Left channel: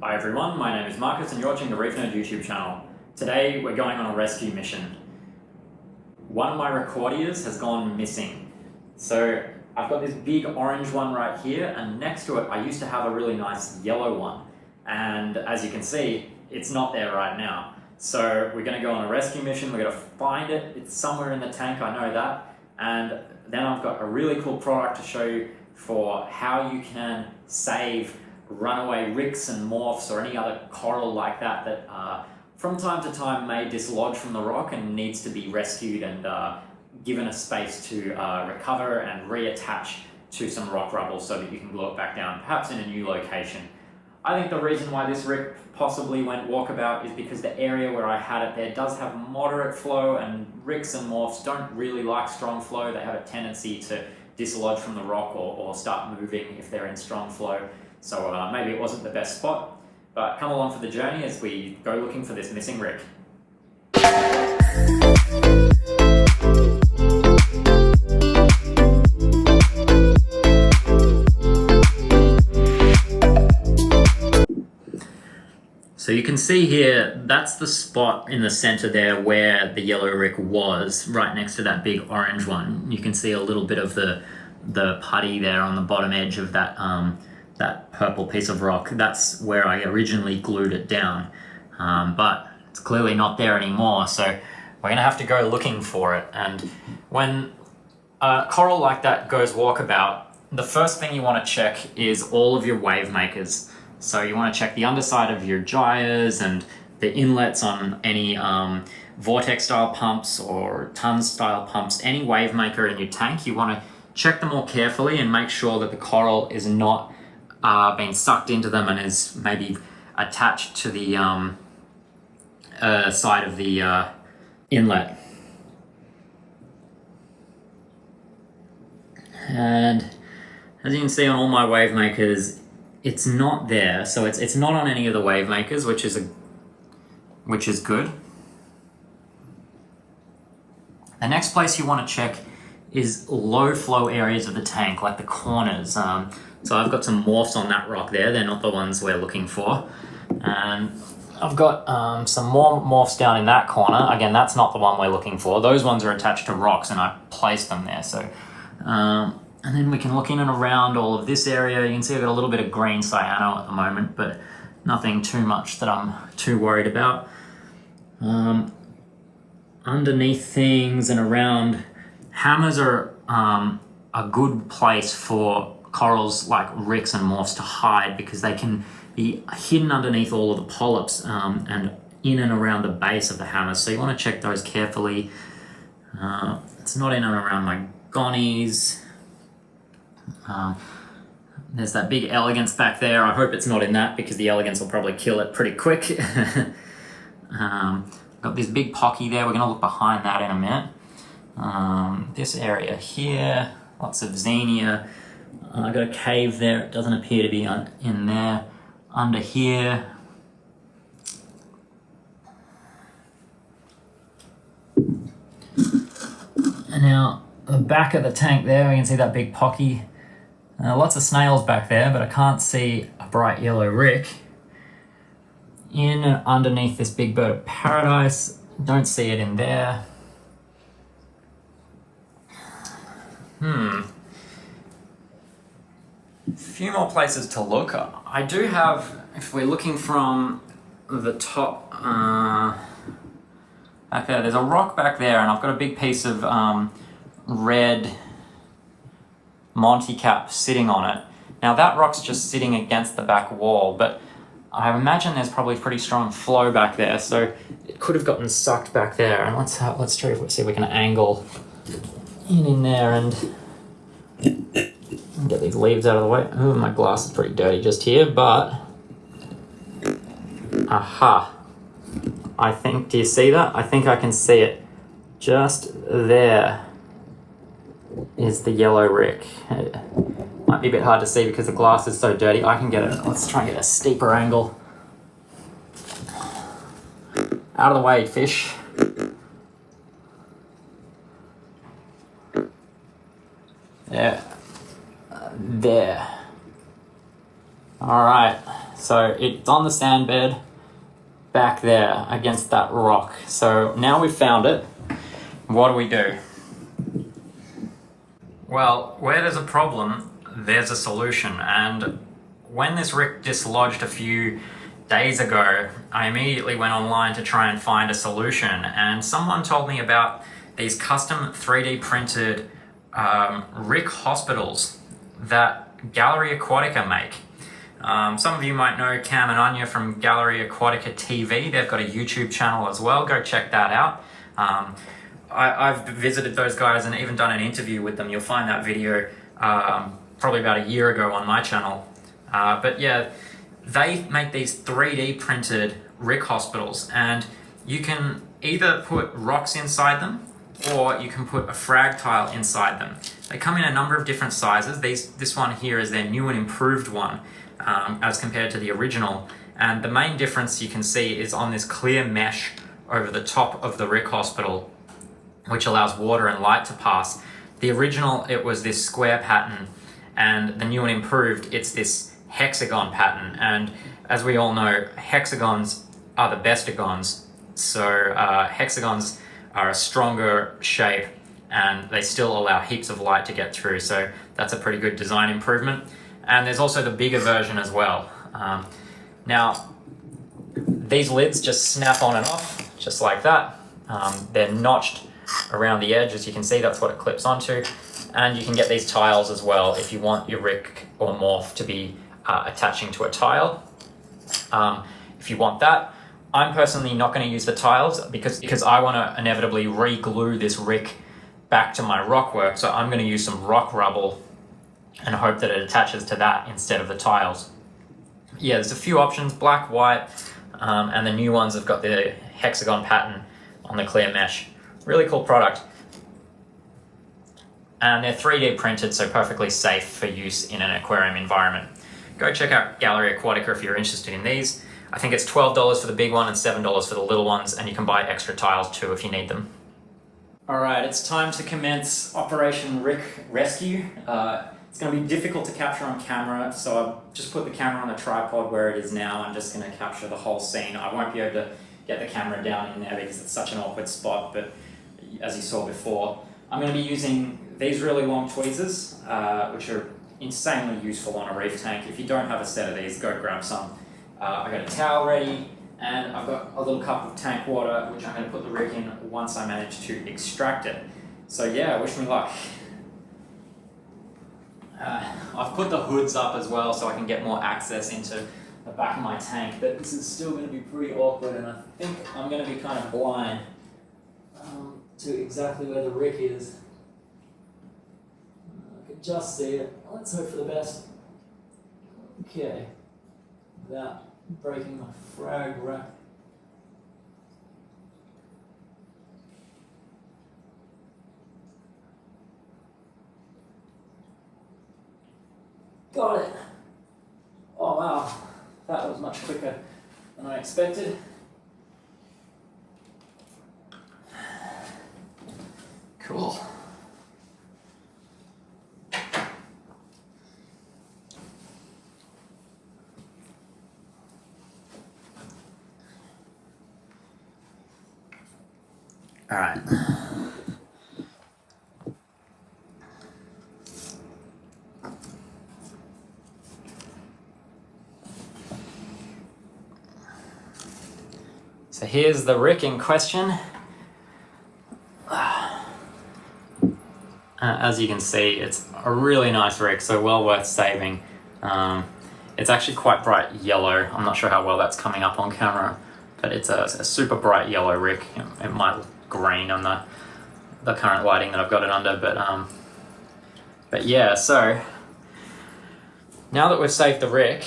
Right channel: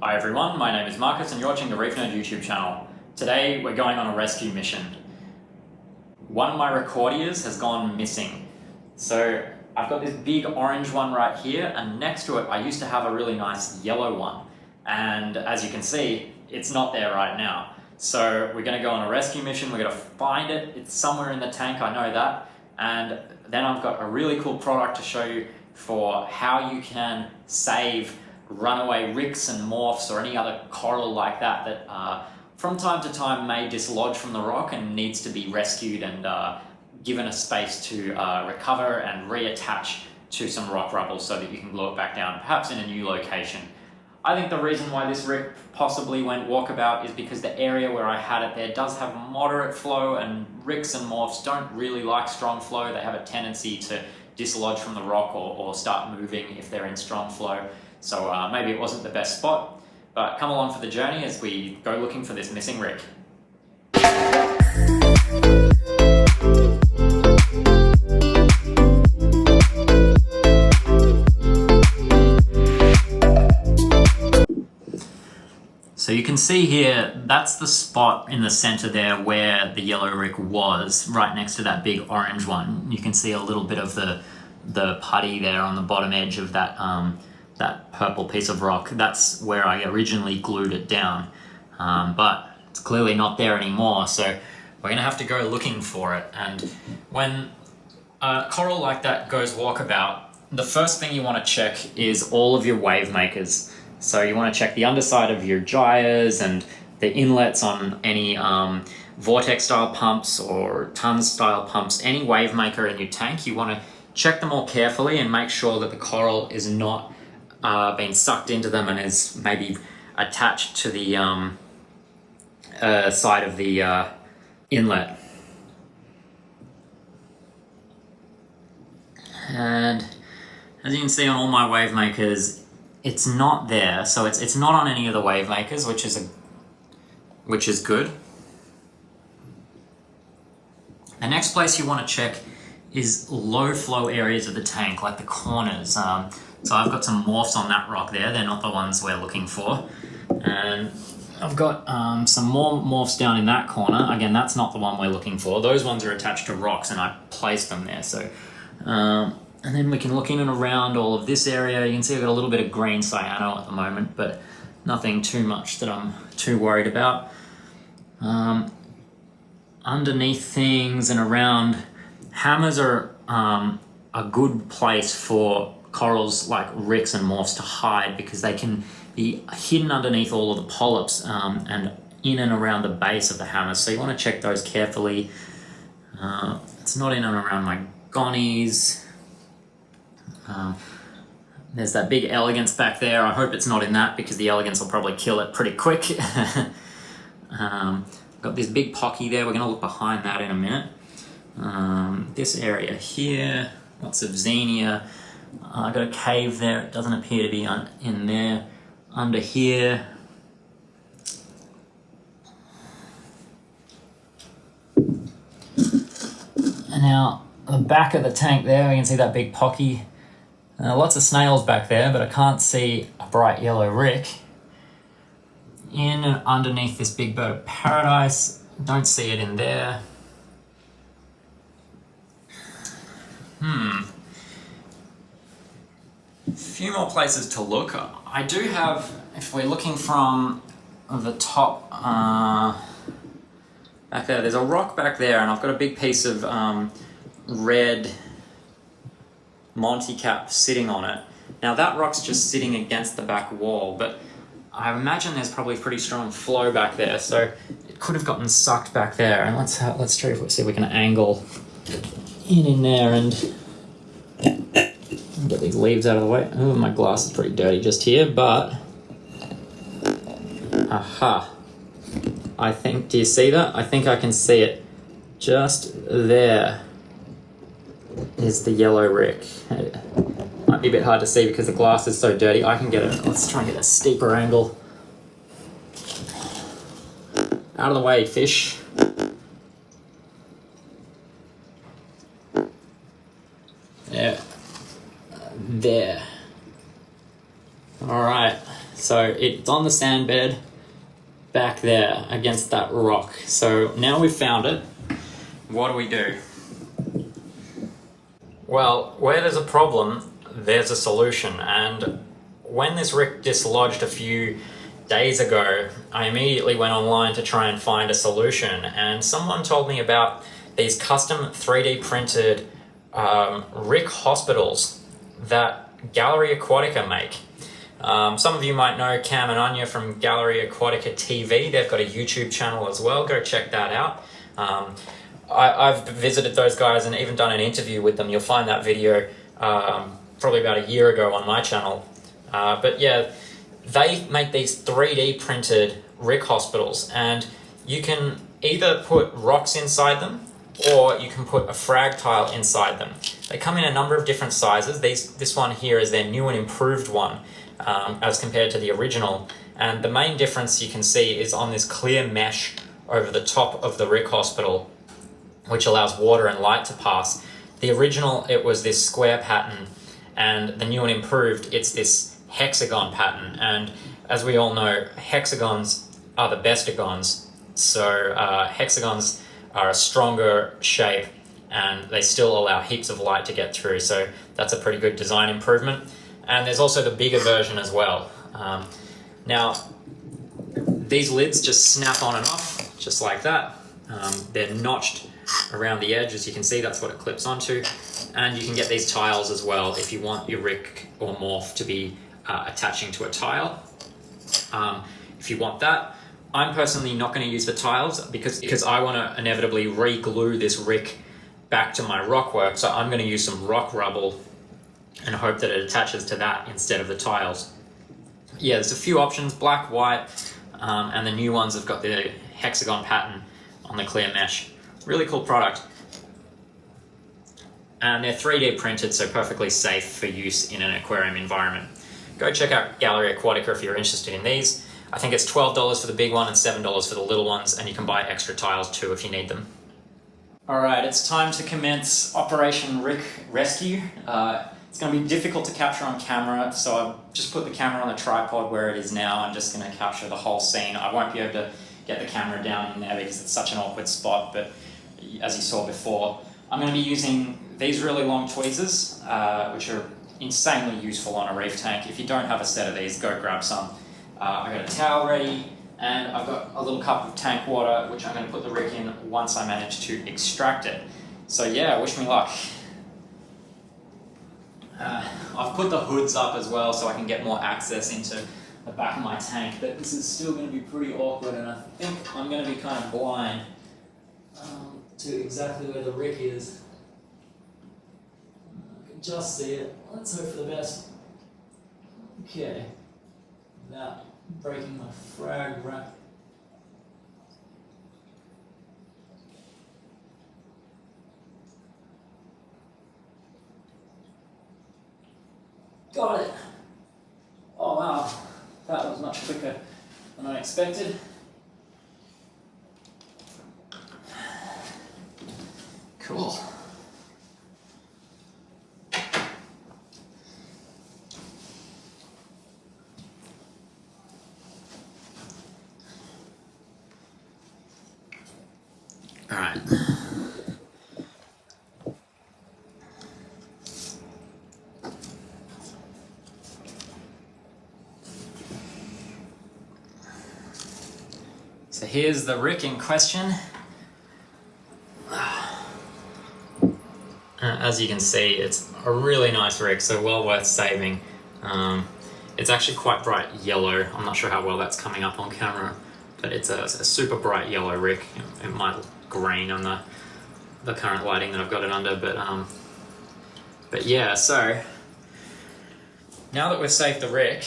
Hi everyone, my name is Marcus and you're watching the Reef YouTube channel. Today we're going on a rescue mission. One of my recordiers has gone missing. So I've got this big orange one right here, and next to it I used to have a really nice yellow one. And as you can see, it's not there right now. So we're going to go on a rescue mission, we're going to find it. It's somewhere in the tank, I know that. And then I've got a really cool product to show you for how you can save runaway rics and morphs or any other coral like that that from time to time may dislodge from the rock and needs to be rescued and given a space to recover and reattach to some rock rubble so that you can glue it back down, perhaps in a new location. I think the reason why this rick possibly went walkabout is because the area where I had it there does have moderate flow, and rics and morphs don't really like strong flow. They have a tendency to dislodge from the rock or start moving if they're in strong flow. So maybe it wasn't the best spot, but come along for the journey as we go looking for this missing rick. So you can see here, that's the spot in the center there where the yellow rick was, right next to that big orange one. You can see a little bit of the putty there on the bottom edge of that that purple piece of rock. That's where I originally glued it down, but it's clearly not there anymore, so we're gonna have to go looking for it. And when a coral like that goes walkabout, the first thing you want to check is all of your wave makers. So you want to check the underside of your gyres and the inlets on any vortex style pumps or ton style pumps, any wave maker in your tank. You want to check them all carefully and make sure that the coral is not been sucked into them and is maybe attached to the side of the inlet. And as you can see on all my wave makers, it's not there. So it's not on any of the wave makers, which is good. The next place you want to check is low flow areas of the tank, like the corners. So I've got some morphs on that rock there. They're not the ones we're looking for. And I've got some more morphs down in that corner. Again, that's not the one we're looking for. Those ones are attached to rocks and I placed them there. So, and then we can look in and around all of this area. You can see I've got a little bit of green cyano at the moment, but nothing too much that I'm too worried about. Underneath things and around, hammers are a good place for corals like rics and morphs to hide, because they can be hidden underneath all of the polyps and in and around the base of the hammers. So you want to check those carefully. It's not in and around my gonnies. There's that big elegance back there. I hope it's not in that, because the elegance will probably kill it pretty quick. Got this big pocky there. We're going to look behind that in a minute. This area here, lots of xenia. I've got a cave there. It doesn't appear to be in there. Under here. And now, the back of the tank there, we can see that big pocky. Lots of snails back there, but I can't see a bright yellow rick. In and underneath this big bird of paradise, don't see it in there. A few more places to look. I do have, if we're looking from the top back there, there's a rock back there, and I've got a big piece of red Monty cap sitting on it. Now that rock's just sitting against the back wall, but I imagine there's probably pretty strong flow back there, so it could have gotten sucked back there. And let's try to see if we can angle in there and get these leaves out of the way. Oh, my glass is pretty dirty just here, but aha! I think, do you see that? I think I can see it. Just there is the yellow rick. It might be a bit hard to see because the glass is so dirty. I can get it. Let's try and get a steeper angle. Out of the way, fish. Yeah. There. All right. So it's on the sand bed back there against that rock. So now we've found it, what do? Well, where there's a problem, there's a solution. And when this rick dislodged a few days ago, I immediately went online to try and find a solution. And someone told me about these custom 3D printed rick hospitals that Gallery Aquatica make. Some of you might know Cam and Anya from Gallery Aquatica TV. They've got a YouTube channel as well. Go check that out. I've visited those guys and even done an interview with them. You'll find that video probably about a year ago on my channel. But yeah, they make these 3D printed rick hospitals, and you can either put rocks inside them or you can put a frag tile inside them. They come in a number of different sizes. This one here is their new and improved one as compared to the original. And the main difference you can see is on this clear mesh over the top of the rick hospital, which allows water and light to pass. The original, it was this square pattern, and the new and improved, it's this hexagon pattern. And as we all know, hexagons are the bestagons. So hexagons are a stronger shape and they still allow heaps of light to get through. So that's a pretty good design improvement. And there's also the bigger version as well. Now, these lids just snap on and off, just like that. They're notched around the edge, as you can see, that's what it clips onto. And you can get these tiles as well if you want your rick or morph to be attaching to a tile. If you want that, I'm personally not going to use the tiles because I want to inevitably re-glue this rick back to my rock work. So I'm going to use some rock rubble and hope that it attaches to that instead of the tiles. Yeah, there's a few options, black, white, and the new ones have got the hexagon pattern on the clear mesh. Really cool product. And they're 3D printed, so perfectly safe for use in an aquarium environment. Go check out Gallery Aquatica if you're interested in these. I think it's $12 for the big one and $7 for the little ones, and you can buy extra tiles too if you need them. All right, it's time to commence Operation Rick Rescue. It's going to be difficult to capture on camera, so I've just put the camera on the tripod where it is now. I'm just going to capture the whole scene. I won't be able to get the camera down in there because it's such an awkward spot, but as you saw before, I'm going to be using these really long tweezers, which are insanely useful on a reef tank. If you don't have a set of these, go grab some. I've got a towel ready, and I've got a little cup of tank water, which I'm going to put the rick in once I manage to extract it. So yeah, wish me luck. I've put the hoods up as well so I can get more access into the back of my tank, but this is still going to be pretty awkward, and I think I'm going to be kind of blind to exactly where the rick is. I can just see it. Let's hope for the best. Okay, without breaking my frag rack. Got it. Oh wow, that was much quicker than I expected. Cool. All right. So here's the rick in question. As you can see, it's a really nice rick, so well worth saving. It's actually quite bright yellow. I'm not sure how well that's coming up on camera, but it's a super bright yellow rick. It might look green on the current lighting that I've got it under, but yeah, so now that we've saved the rick,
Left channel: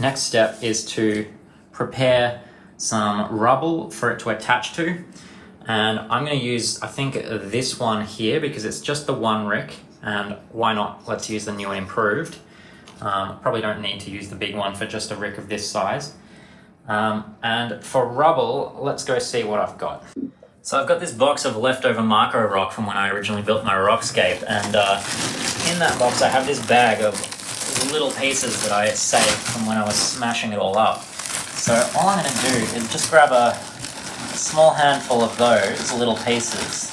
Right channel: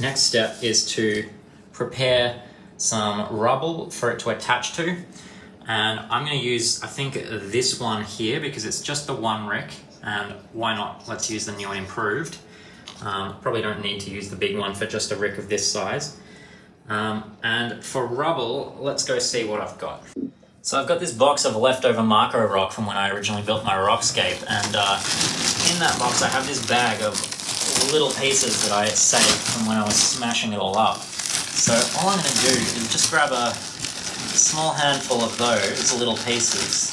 next step is to prepare some rubble for it to attach to. And I'm going to use, I think, this one here because it's just the one rick, and why not, let's use the new and improved. Probably don't need to use the big one for just a rick of this size. And for rubble, let's go see what I've got. So I've got this box of leftover Marco rock from when I originally built my rockscape, and in that box I have this bag of little pieces that I saved from when I was smashing it all up. So all I'm going to do is just grab a small handful of those little pieces.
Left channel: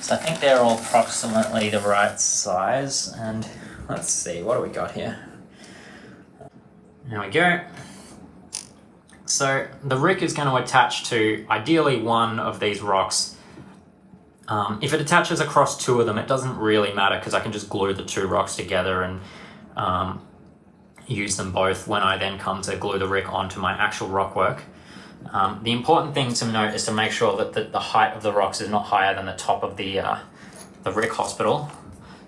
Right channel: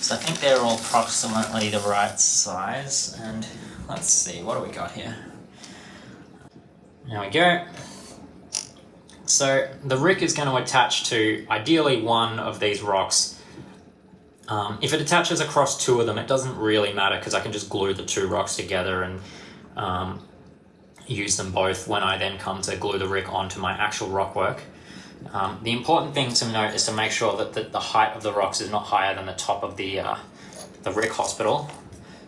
So I think they're all approximately the right size. And let's see, what do we got here? There we go. So the rick is going to attach to ideally one of these rocks. If it attaches across two of them, it doesn't really matter because I can just glue the two rocks together and use them both when I then come to glue the rick onto my actual rock work. The important thing to note is to make sure that the height of the rocks is not higher than the top of the rick hospital,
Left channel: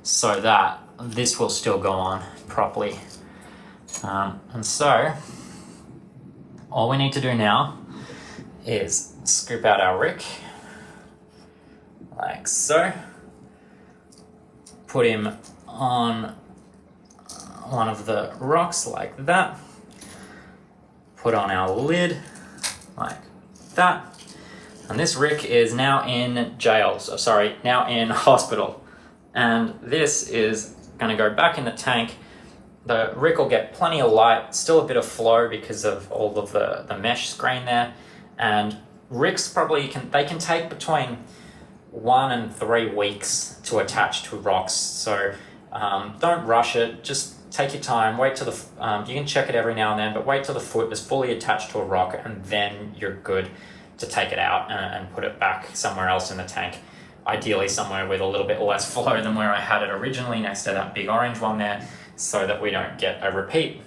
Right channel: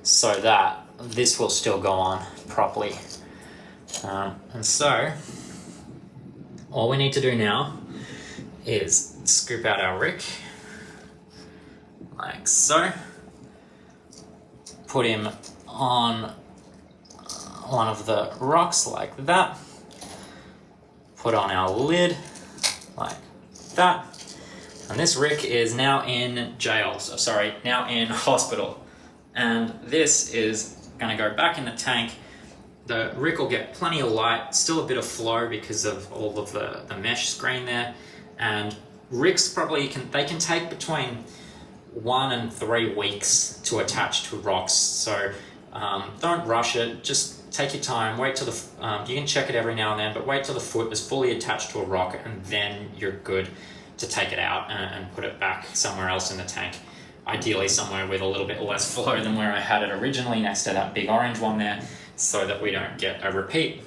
so that this will still go on properly. And so all we need to do now is scoop out our rick like so, put him on one of the rocks like that, put on our lid like that, and this rick is now in jail, now in hospital, and this is going to go back in the tank. The rick will get plenty of light, still a bit of flow because of all of the mesh screen there, and ricks probably can take between 1 and 3 weeks to attach to rocks, so don't rush it, just take your time, wait till you can check it every now and then, but wait till the foot is fully attached to a rock, and then you're good to take it out and put it back somewhere else in the tank. Ideally somewhere with a little bit less flow than where I had it originally, next to that big orange one there, so that we don't get a repeat.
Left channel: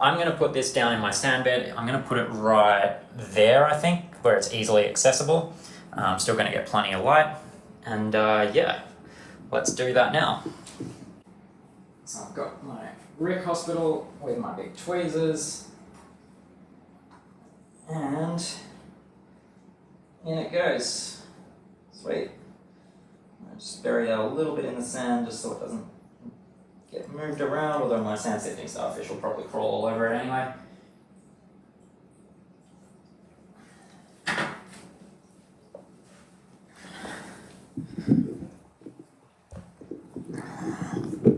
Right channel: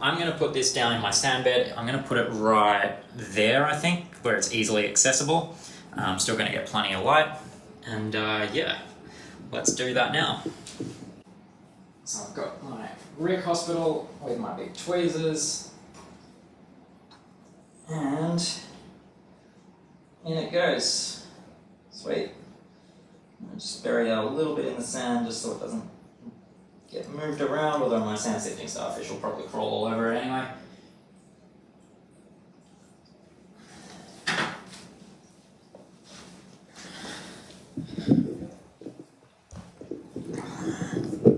I'm going to put this down in my sand bed. I'm going to put it right there, I think, where it's easily accessible. I'm still going to get plenty of light, and yeah, let's do that now. So I've got my rick hospital with my big tweezers, and in it goes. Sweet. I just bury that a little bit in the sand just so it doesn't get moved around, although my sand sifting starfish will probably crawl all over it anyway.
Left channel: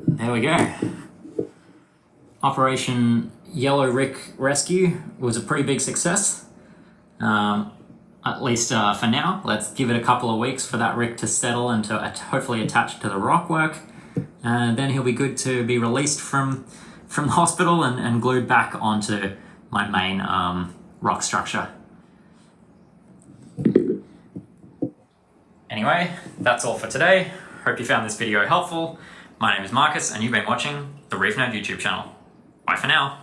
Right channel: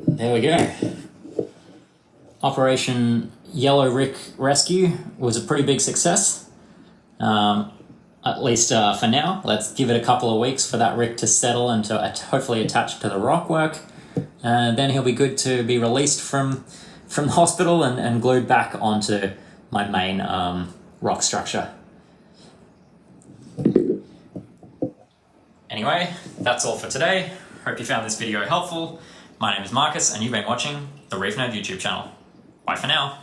There we go. Operation Yellow Rick Rescue was a pretty big success. At least for now. Let's give it a couple of weeks for that rick to settle and to hopefully attach to the rock work. Then he'll be good to be released from the hospital and glued back onto my main rock structure. Anyway, that's all for today. Hope you found this video helpful. My name is Marcus, and you've been watching the Reef Nerd YouTube channel. Bye for now.